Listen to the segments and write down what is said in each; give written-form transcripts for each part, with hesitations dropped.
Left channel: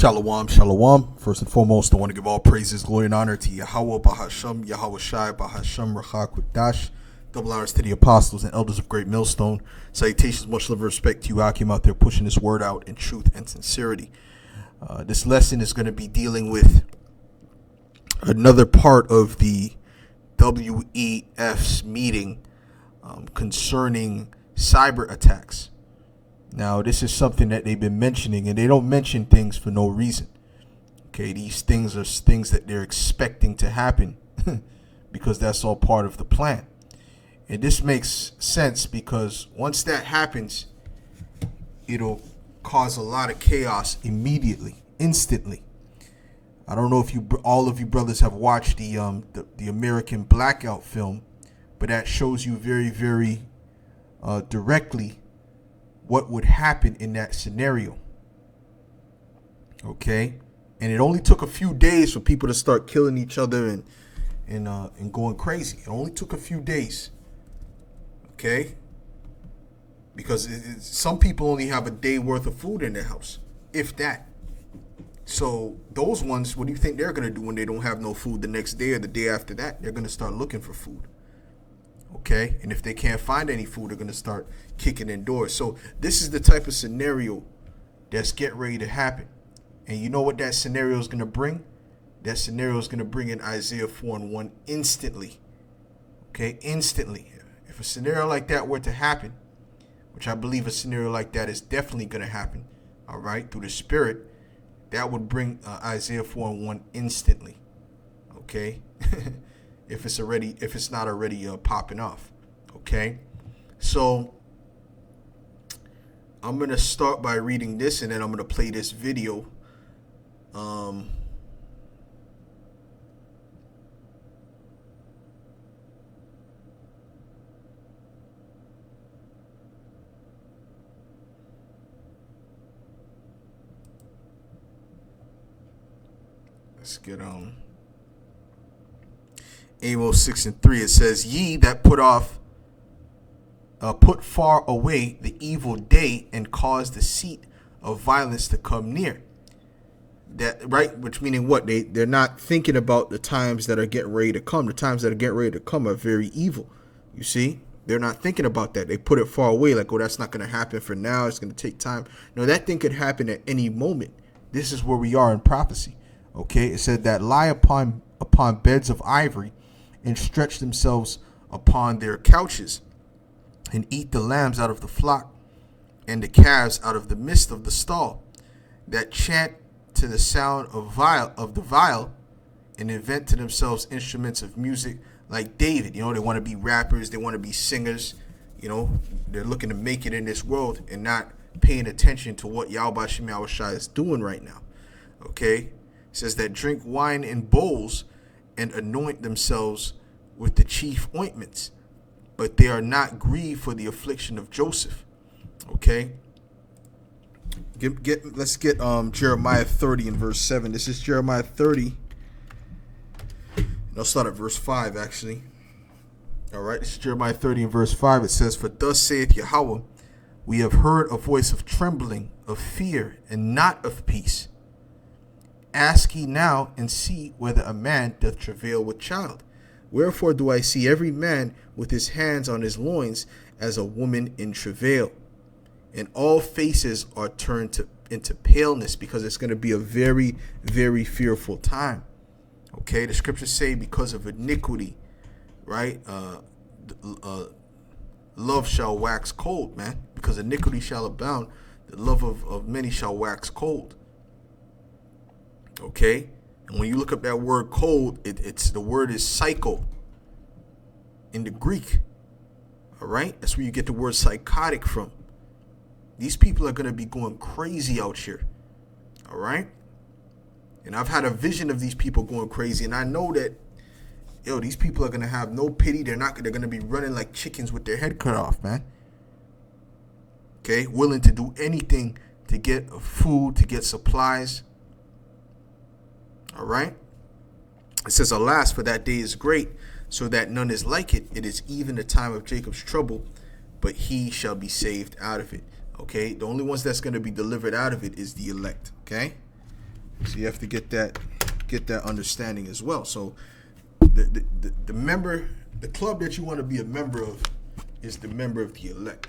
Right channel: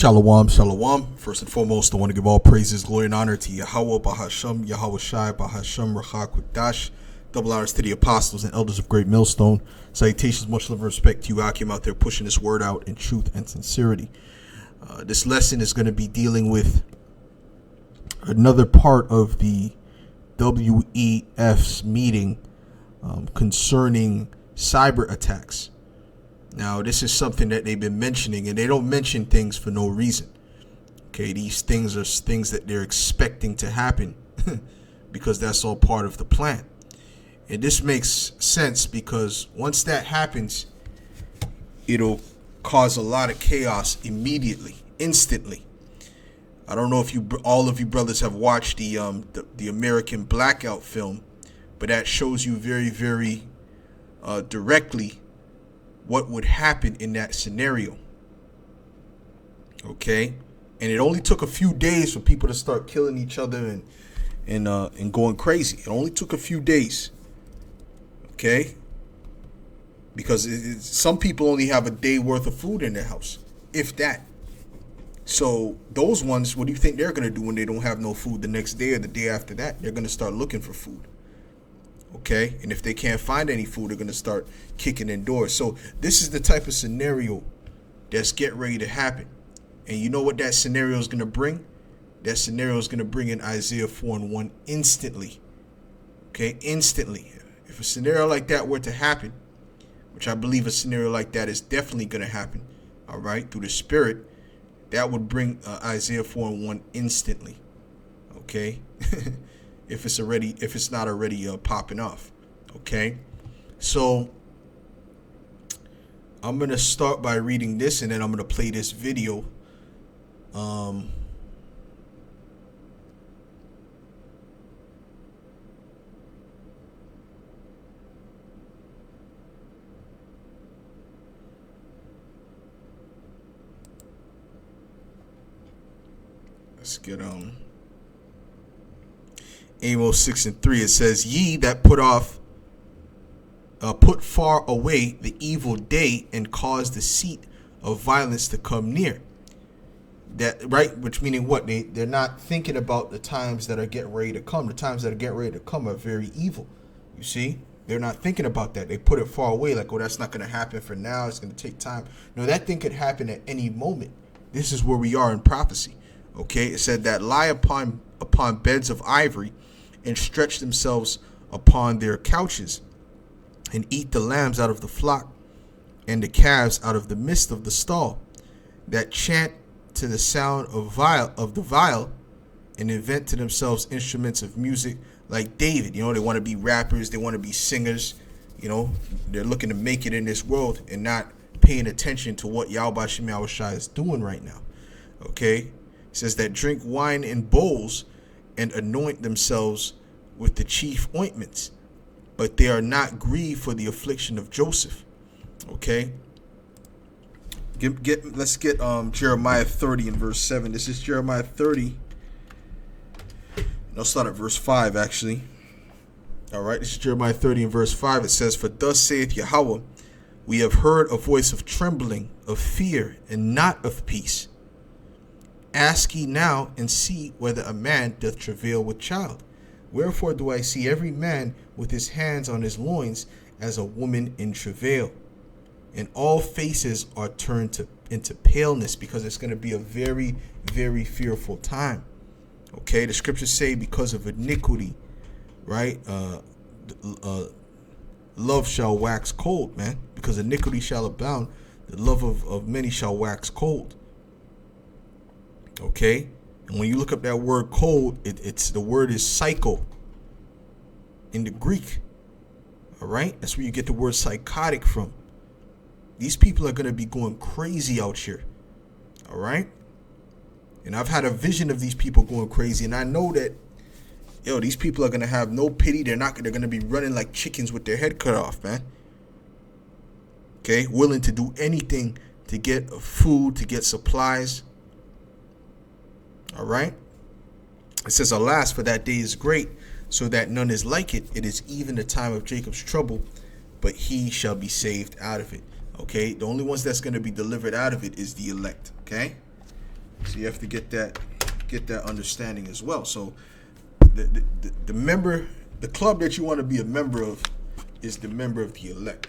Shalom, shalom. First and foremost, I want to give all praises, glory, and honor to Yahweh, Bahasham, Yahweh Shai, Bahasham, Rachak, Dash. Double honors to the apostles and elders of Great Millstone. Salutations, much love and respect to you, Akim, out there pushing this word out in truth and sincerity. This lesson is going to be dealing with another part of the WEF's meeting concerning cyber attacks. Now, this is something that they've been mentioning, and they don't mention things for no reason. Okay, these things are things that they're expecting to happen because that's all part of the plan. And this makes sense because once that happens, it'll cause a lot of chaos immediately, instantly. I don't know if all of you brothers have watched the American Blackout film, but that shows you very, very directly what would happen in that scenario. Okay, and it only took a few days for people to start killing each other and going crazy. It only took a few days. Okay, because some people only have a day worth of food in their house, if that. So those ones, what do you think they're going to do when they don't have no food the next day or the day after that? They're going to start looking for food. Okay, and if they can't find any food, they're going to start kicking in doors. So this is the type of scenario that's getting ready to happen. And you know what that scenario is going to bring? That scenario is going to bring in Isaiah 4:1 instantly. Okay, instantly. If a scenario like that were to happen, which I believe a scenario like that is definitely going to happen, all right, through the Spirit, that would bring Isaiah 4:1 instantly. Okay. if it's not already popping off. Okay, so I'm gonna start by reading this, and then I'm gonna play this video. Let's get Amos 6:3, it says, "Ye that put far away the evil day and cause the seat of violence to come near." That right, which meaning what? They're not thinking about the times that are getting ready to come. The times that are getting ready to come are very evil. You see, they're not thinking about that. They put it far away, like, oh, that's not going to happen for now. It's going to take time. No, that thing could happen at any moment. This is where we are in prophecy. Okay, it said that lie upon beds of ivory and stretch themselves upon their couches, and eat the lambs out of the flock, and the calves out of the midst of the stall, that chant to the sound of the viol, and invent to themselves instruments of music like David. You know, they want to be rappers, they want to be singers. You know, they're looking to make it in this world and not paying attention to what Yahweh Shai is doing right now. Okay, it says that drink wine in bowls and anoint themselves with the chief ointments, but they are not grieved for the affliction of Joseph. Okay, let's get Jeremiah 30 and verse 7. This is Jeremiah 30. I'll start at verse 5 actually. All right, this is Jeremiah 30 and verse 5. It says, "For thus saith Yahweh, we have heard a voice of trembling, of fear, and not of peace. Ask ye now and see whether a man doth travail with child. Wherefore do I see every man with his hands on his loins as a woman in travail. And all faces are turned into paleness," because it's going to be a very, very fearful time. Okay, the scriptures say because of iniquity, right? Love shall wax cold, man. Because iniquity shall abound, the love of many shall wax cold. Okay, and when you look up that word cold, the word is psycho in the Greek. All right, that's where you get the word psychotic from. These people are going to be going crazy out here. All right, and I've had a vision of these people going crazy, and I know that these people are going to have no pity. They're going to be running like chickens with their head cut off, man. Okay, willing to do anything to get food, to get supplies. All right. It says, "Alas, for that day is great, so that none is like it. It is even the time of Jacob's trouble, but he shall be saved out of it." Okay, the only ones that's going to be delivered out of it is the elect. Okay, So you have to get that understanding as well. So the member, the club that you want to be a member of is the member of the elect.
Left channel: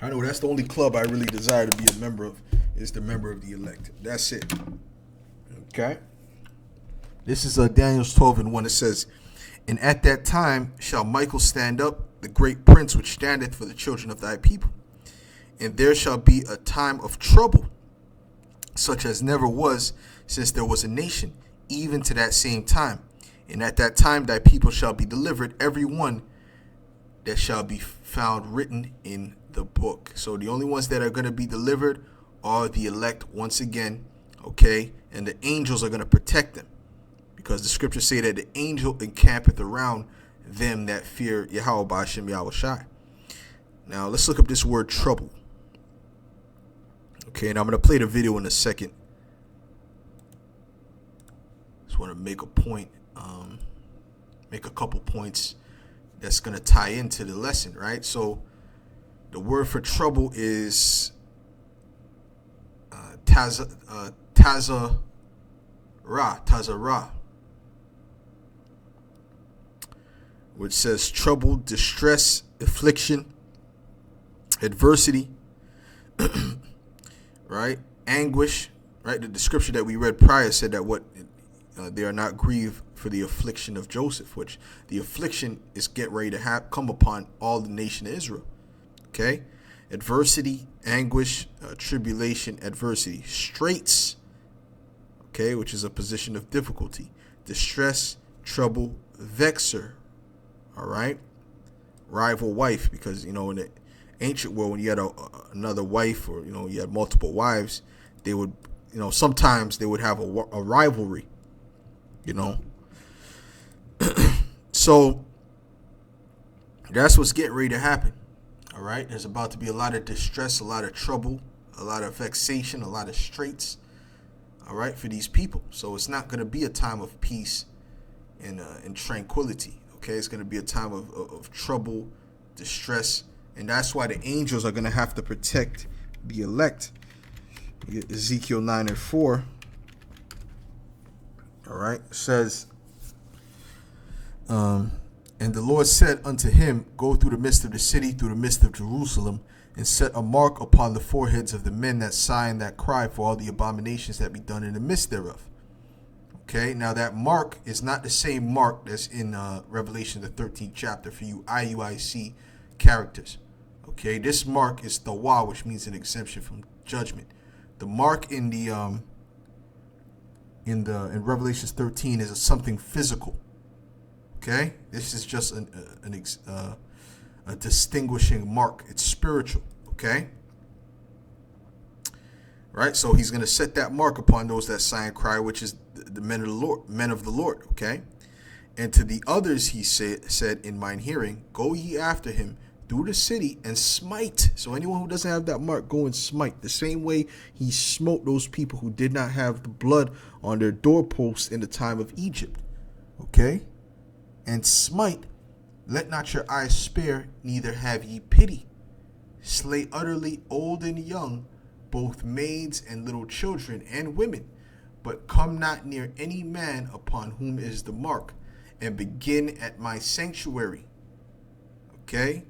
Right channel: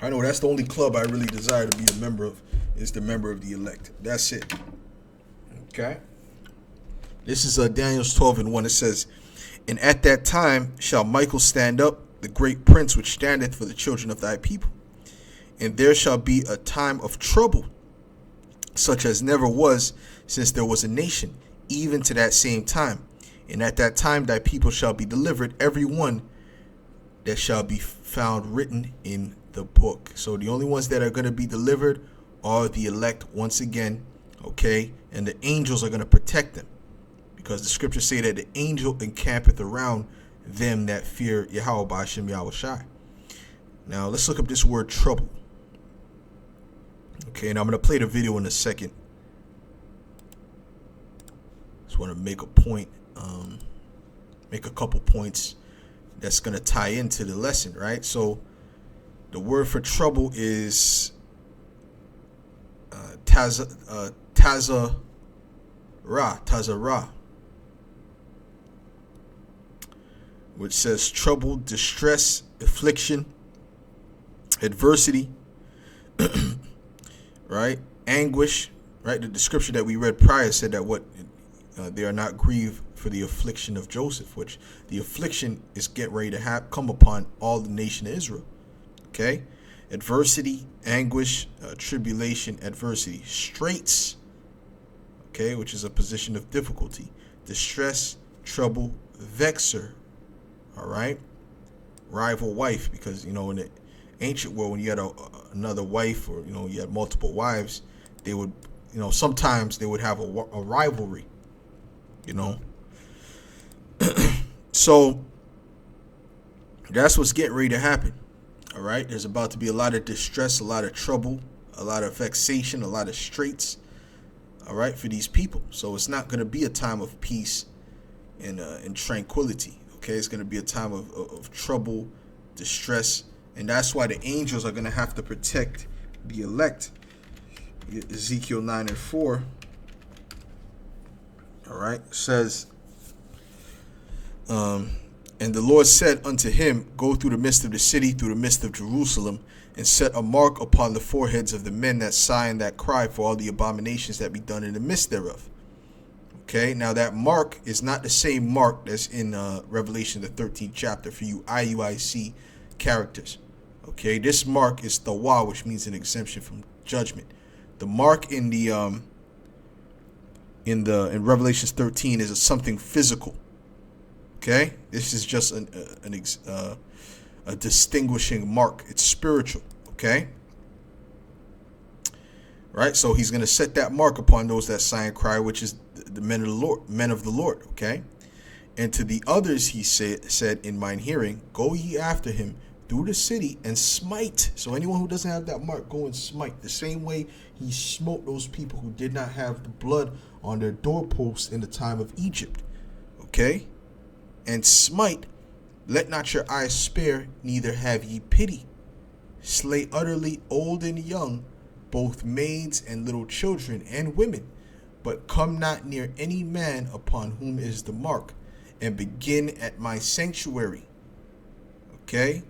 I know that's the only club I really desire to be a member of, is the member of the elect. That's it. Okay. This is Daniel 12:1. It says, "And at that time shall Michael stand up, the great prince which standeth for the children of thy people. And there shall be a time of trouble, such as never was since there was a nation, even to that same time. And at that time thy people shall be delivered, every one that shall be found written in the book." So the only ones that are going to be delivered are the elect once again, okay? And the angels are going to protect them, because the scriptures say that the angel encampeth around them that fear Yahweh Ba'ashem Yahweh Shai. Now let's look up this word trouble. Okay, and I'm going to play the video in a second. Just want to make a point, make a couple points that's going to tie into the lesson, right? So the word for trouble is Cyb3r, which says trouble, distress, affliction, adversity, right? Anguish, right? The scripture that we read prior said that they are not grieved for the affliction of Joseph, which the affliction is get ready to come upon all the nation of Israel. Okay, adversity, anguish, tribulation, adversity, straits, okay, which is a position of difficulty, distress, trouble, vexer, all right, rival wife, because in the ancient world, when you had another wife, or you had multiple wives, they would sometimes they would have a rivalry, so that's what's getting ready to happen. All right, there's about to be a lot of distress, a lot of trouble, a lot of vexation, a lot of straits, all right, for these people. So it's not going to be a time of peace and tranquility. Okay, it's going to be a time of trouble, distress, and that's why the angels are going to have to protect the elect. Ezekiel 9:4. All right, says, "And the Lord said unto him, Go through the midst of the city, through the midst of Jerusalem, and set a mark upon the foreheads of the men that sigh and that cry for all the abominations that be done in the midst thereof." Okay, now that mark is not the same mark that's in Revelation, the 13th chapter, for you IUIC characters. Okay, this mark is Thawa, which means an exemption from judgment. The mark in Revelation 13 is something physical. Okay, this is just a distinguishing mark. It's spiritual. Okay, right. So he's going to set that mark upon those that sigh and cry, which is the men of the Lord. Okay, and to the others he said in mine hearing, Go ye after him through the city and smite. So anyone who doesn't have that mark, go and smite. The same way he smote those people who did not have the blood on their doorposts in the time of Egypt. Okay. And smite, let not your eyes spare, neither have ye pity. Slay utterly old and young, both maids and little children and women, but come not near any man upon whom is the mark, and begin at my sanctuary. Okay?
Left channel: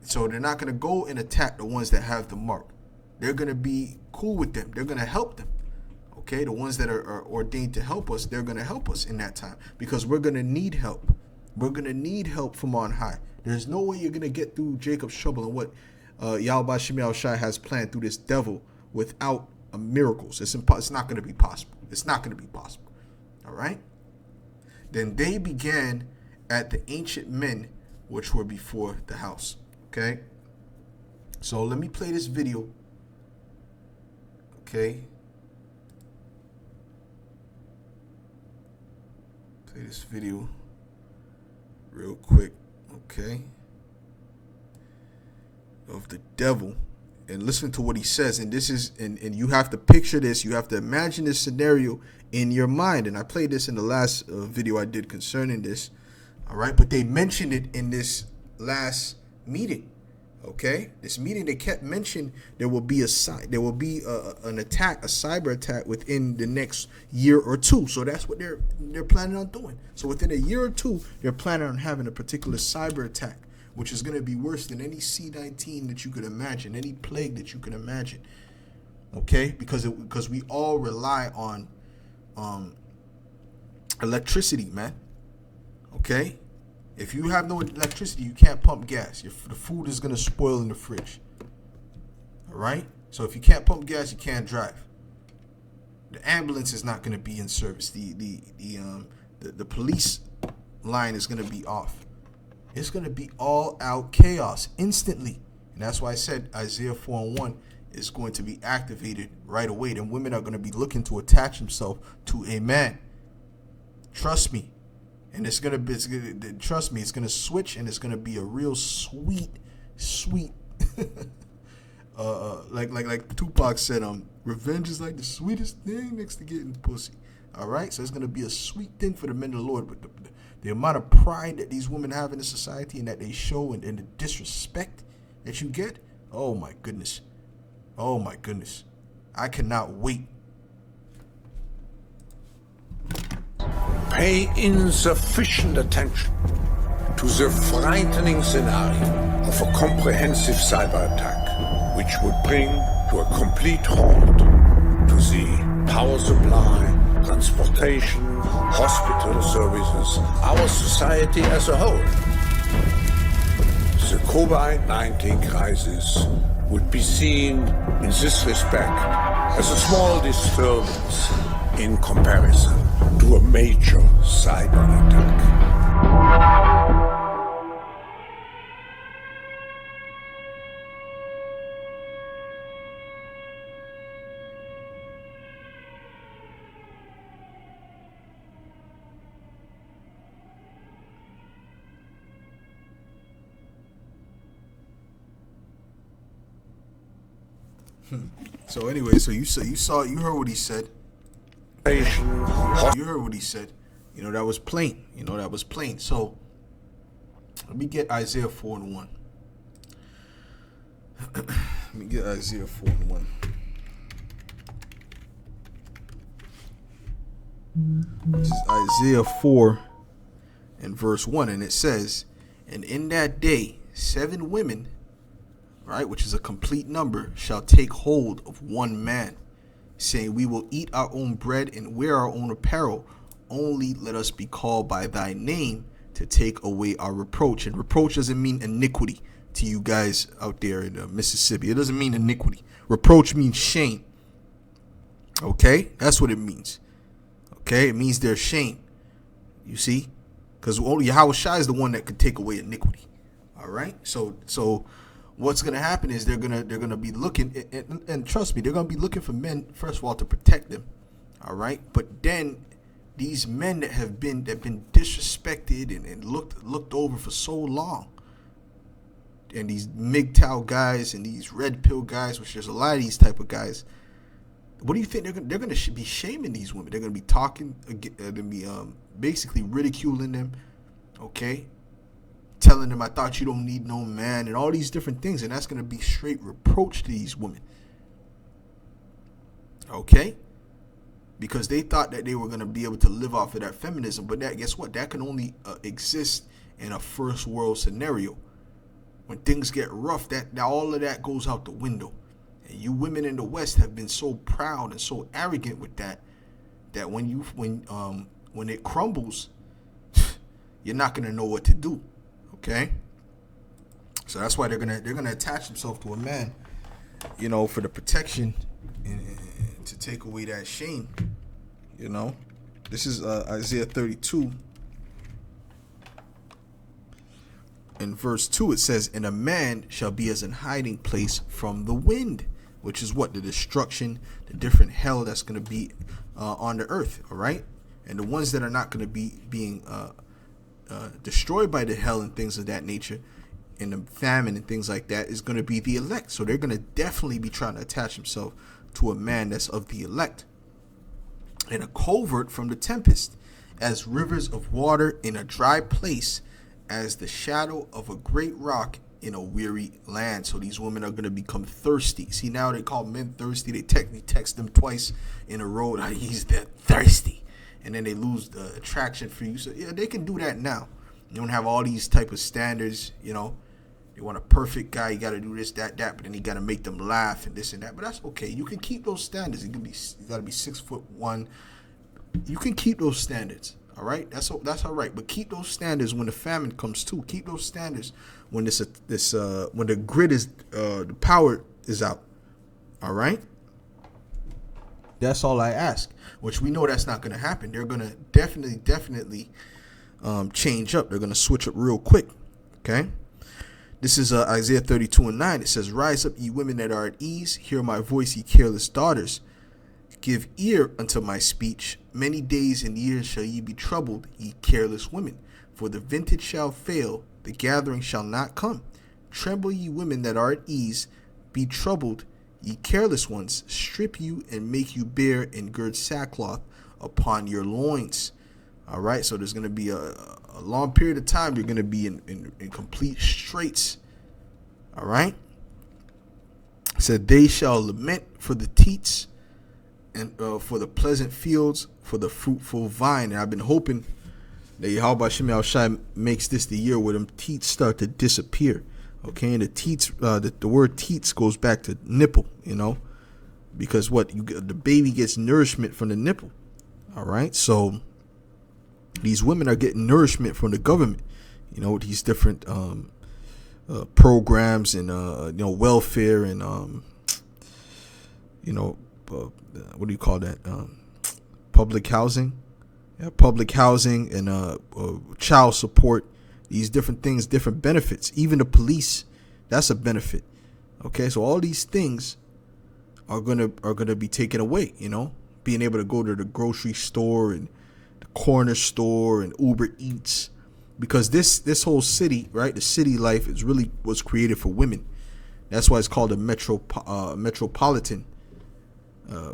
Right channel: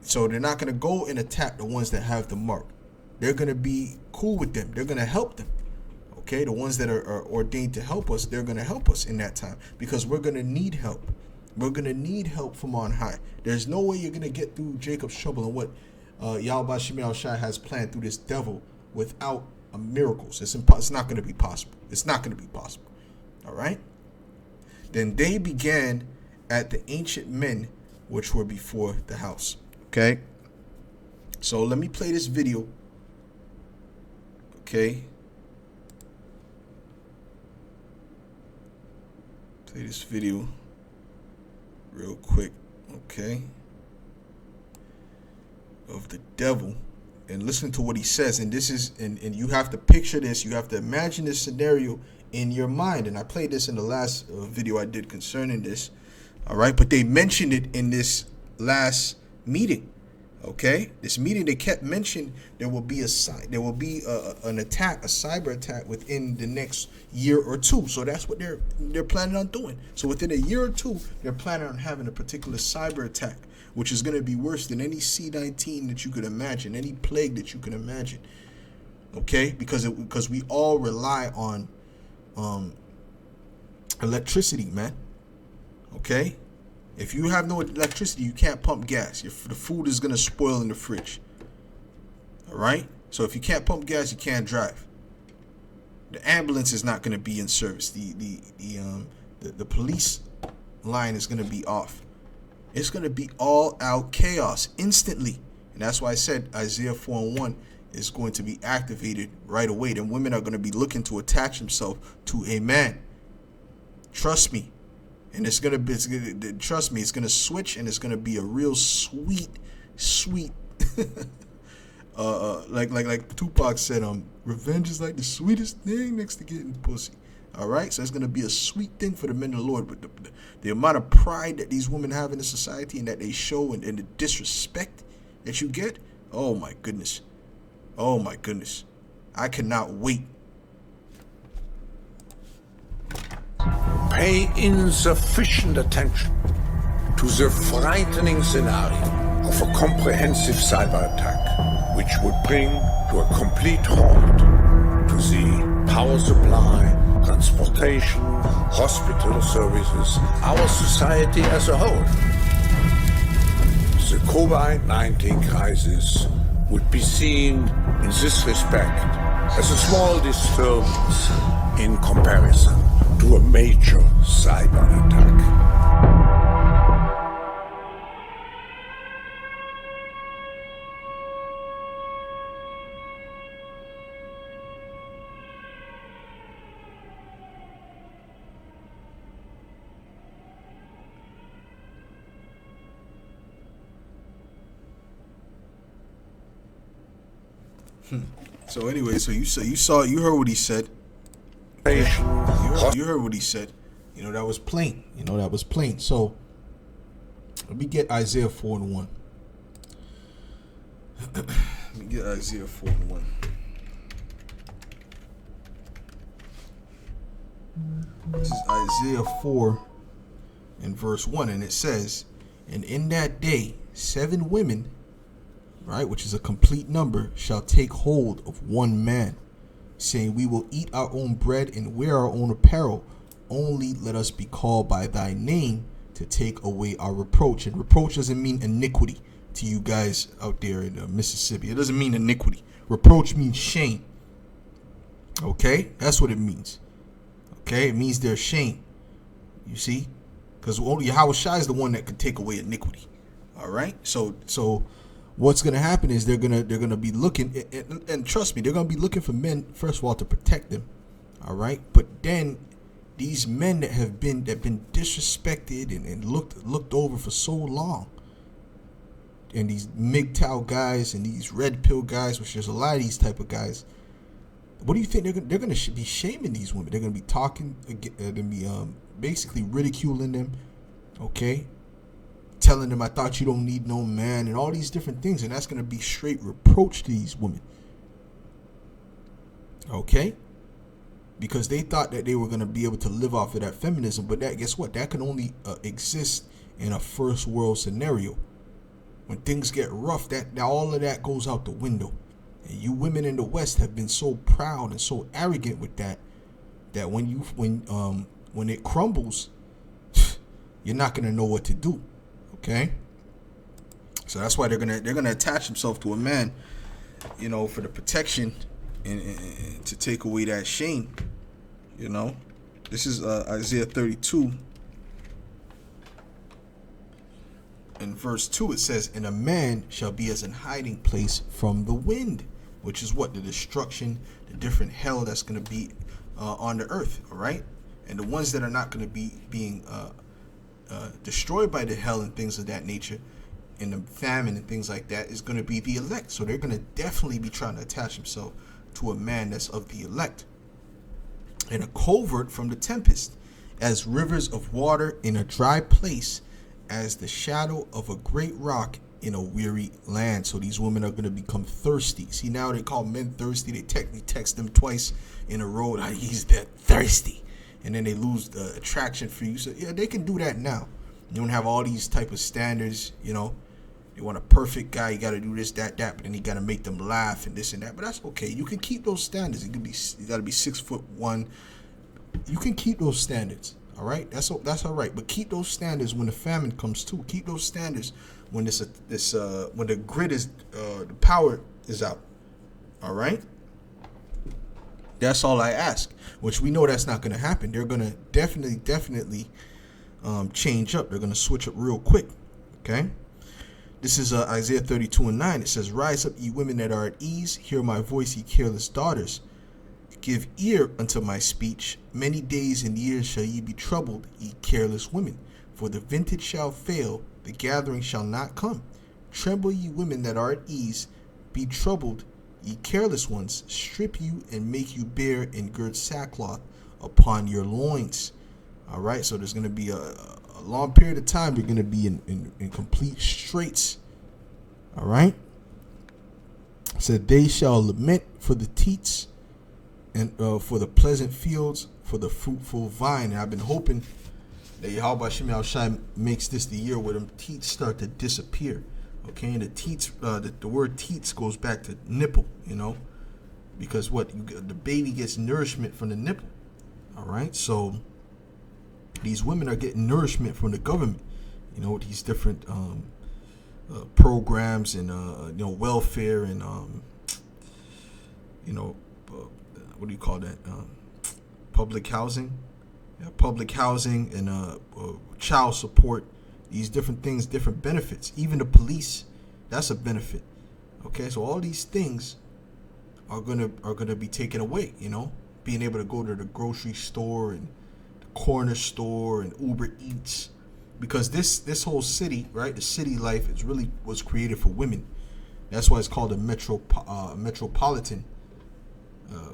So they're not going to go and attack the ones that have the mark. They're going to be cool with them. They're going to help them. Okay? The ones that are ordained to help us, they're going to help us in that time, because we're going to need help. We're going to need help from on high. There's no way you're going to get through Jacob's trouble and what Yahweh Ba'ashem Yahweh Shai has planned through this devil without miracles. It's not going to be possible. It's not going to be possible. All right? Then they began at the ancient men which were before the house. Okay? So let me play this video. Okay? Play this video real quick, okay, of the devil, and listen to what he says. And this is, and you have to picture this, you have to imagine this scenario in your mind. And I played this in the last video I did concerning this, all right, but they mentioned it in this last meeting, Okay, this meeting they kept mentioning there will be an attack, a cyber attack within the next year or two. So that's what they're planning on doing. So within a year or two, they're planning on having a particular cyber attack, which is going to be worse than any C-19 that you could imagine, any plague that you can imagine. Okay, because we all rely on electricity, man. Okay. If you have no electricity, you can't pump gas. The food is going to spoil in the fridge. All right? So if you can't pump gas, you can't drive. The ambulance is not going to be in service. The police line is going to be off. It's going to be all out chaos instantly. And that's why I said Isaiah 4:1 is going to be activated right away. Then women are going to be looking to attach themselves to a man. Trust me. And trust me, it's gonna switch, and it's gonna be a real sweet, like Tupac said, revenge is like the sweetest thing next to getting pussy. All right, so it's gonna be a sweet thing for the men of the Lord. But the amount of pride that these women have in the society and that they show, and the disrespect that you get, oh my goodness, I cannot wait. Pay insufficient attention to the frightening scenario of a comprehensive cyber attack, which would bring to a complete halt to the power supply, transportation, hospital services, our society as a whole. The COVID-19 crisis would be seen in this respect as a small disturbance in comparison to a major cyber attack. So anyway, so you heard what he said. You heard what he said. That was plain. So let me get Isaiah 4:1. Let me get Isaiah 4:1. This is Isaiah 4 and verse 1, and it says, "And in that day 7 women," right, which is a complete number, "shall take hold of one man, saying, we will eat our own bread and wear our own apparel. Only let us be called by thy name to take away our reproach." And reproach doesn't mean iniquity to you guys out there in Mississippi. It doesn't mean iniquity. Reproach means shame. Okay? That's what it means. Okay? It means their shame. You see? Because only Yahweh Shai is the one that could take away iniquity. All right? So what's going to happen is they're gonna be looking, and trust me, they're going to be looking for men, first of all, to protect them. All right? But then these men that have been disrespected and looked over for so long, and these MGTOW guys and these red pill guys, which there's a lot of these type of guys, what do you think they're going to be shaming these women? They're going to be talking, they're going to be basically ridiculing them, okay? Telling them, I thought you don't need no man, and all these different things, and that's going to be straight reproach to these women. Okay? Because they thought that they were going to be able to live off of that feminism, but guess what? That can only exist in a first world scenario. When things get rough, that all of that goes out the window. And you women in the West have been so proud and so arrogant with that when it crumbles, you're not going to know what to do. Okay, so that's why they're gonna attach themselves to a man, for the protection and to take away that shame. This is Isaiah 32 in verse 2. It says, "And a man shall be as an hiding place from the wind," which is what? The destruction, the different hell that's gonna be on the earth. All right, and the ones that are not gonna be being destroyed by the hell and things of that nature, and the famine and things like that, is going to be the elect. So they're going to definitely be trying to attach themselves to a man that's of the elect. "And a covert from the tempest, as rivers of water in a dry place, as the shadow of a great rock in a weary land. So these women are going to become thirsty. See, now they call men thirsty. They technically text them twice in a row. Like, he's that thirsty. And then they lose the attraction for you. So, yeah, they can do that now. You don't have all these type of standards, you know. You want a perfect guy, you got to do this, that, but then you got to make them laugh and this and that. But that's okay. You can keep those standards. You got to be 6'1". You can keep those standards. All right, that's all right. But keep those standards when the famine comes too. Keep those standards when when the grid is the power is out. All right. That's all I ask. Which we know that's not going to happen. They're going to definitely change up. They're going to switch up real quick. Okay. This is Isaiah 32:9. It says, "Rise up, ye women that are at ease. Hear my voice, ye careless daughters. Give ear unto my speech. Many days and years shall ye be troubled, ye careless women. For the vintage shall fail, the gathering shall not come. Tremble, ye women that are at ease. Be troubled, ye careless ones. Strip you and make you bare, and gird sackcloth upon your loins." All right, so there's going to be a long period of time you're going to be in complete straits. All right. It said, "They shall lament for the teats and for the pleasant fields, for the fruitful vine." And I've been hoping that Yahweh Shem Shai makes this the year where them teats start to disappear. Okay, and the teats, the word teats goes back to nipple, you know, because the baby gets nourishment from the nipple. All right, so these women are getting nourishment from the government, you know, these different programs and welfare and what do you call that? Public housing, and child support. These different things, different benefits. Even the police, that's a benefit. Okay, so all these things are gonna be taken away. You know, being able to go to the grocery store and the corner store and Uber Eats, because this whole city, right? The city life was created for women. That's why it's called a metropolitan.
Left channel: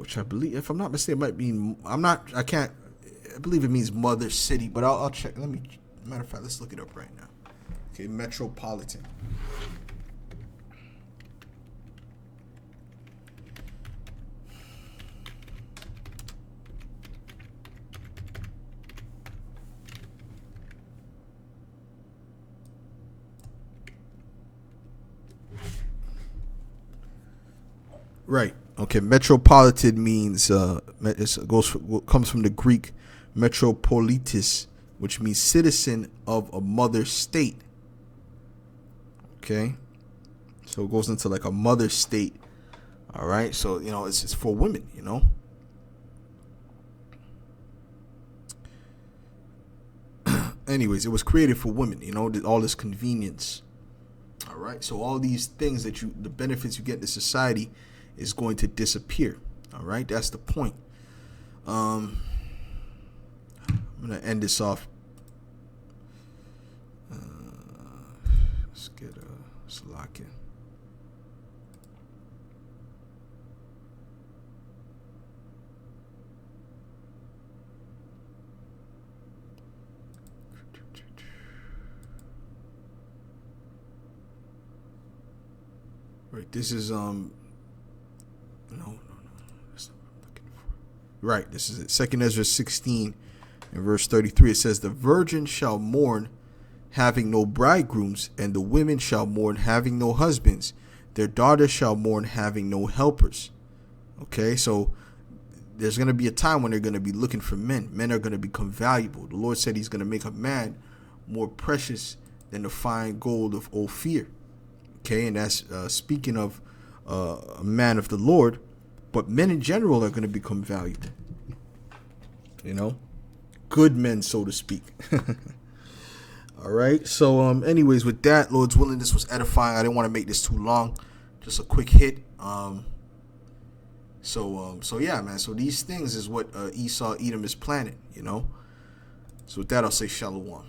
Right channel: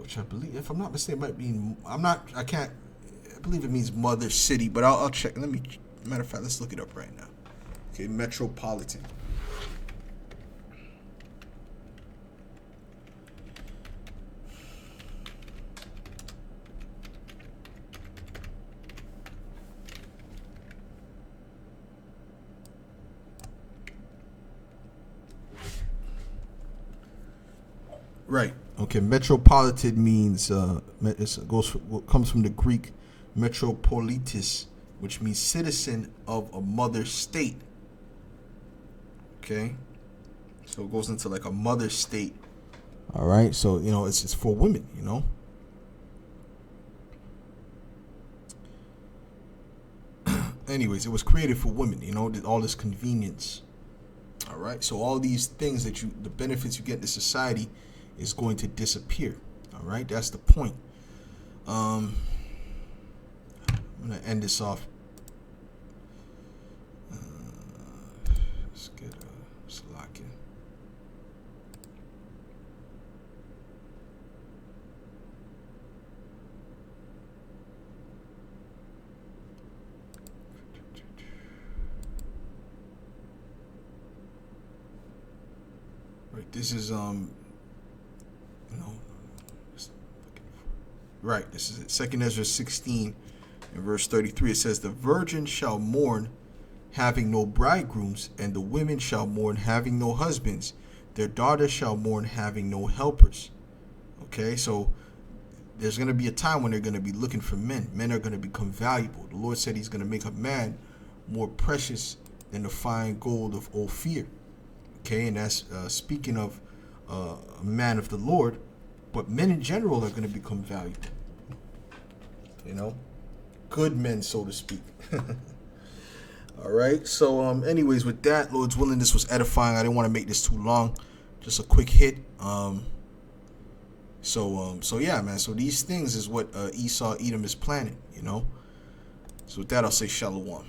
Which I believe, if I'm not mistaken, might mean I believe it means mother city, but I'll check. Matter of fact, let's look it up right now. Okay, metropolitan. Right. Okay. Metropolitan means comes from the Greek metropolitis, which means citizen of a mother state. Okay. So it goes into like a mother state. All right. So it's for women. Anyways, it was created for women. All this convenience. All right. So all these things the benefits you get in society is going to disappear. All right, that's the point. I'm gonna end this off. Let's get Salakia. Right, this is Right, this is it. 2 Ezra 16 and verse 33. It says, "The virgin shall mourn, having no bridegrooms, and the women shall mourn, having no husbands. Their daughters shall mourn, having no helpers." Okay, so there's going to be a time when they're going to be looking for men. Men are going to become valuable. The Lord said he's going to make a man more precious than the fine gold of Ophir. Okay, and that's speaking of a man of the Lord. But men in general are going to become valuable. Good men, so to speak. All right. So, anyways, with that, Lord's willing, this was edifying. I didn't want to make this too long. Just a quick hit. So yeah, man. So these things is what Esau, Edom is planning. So with that, I'll say shalom.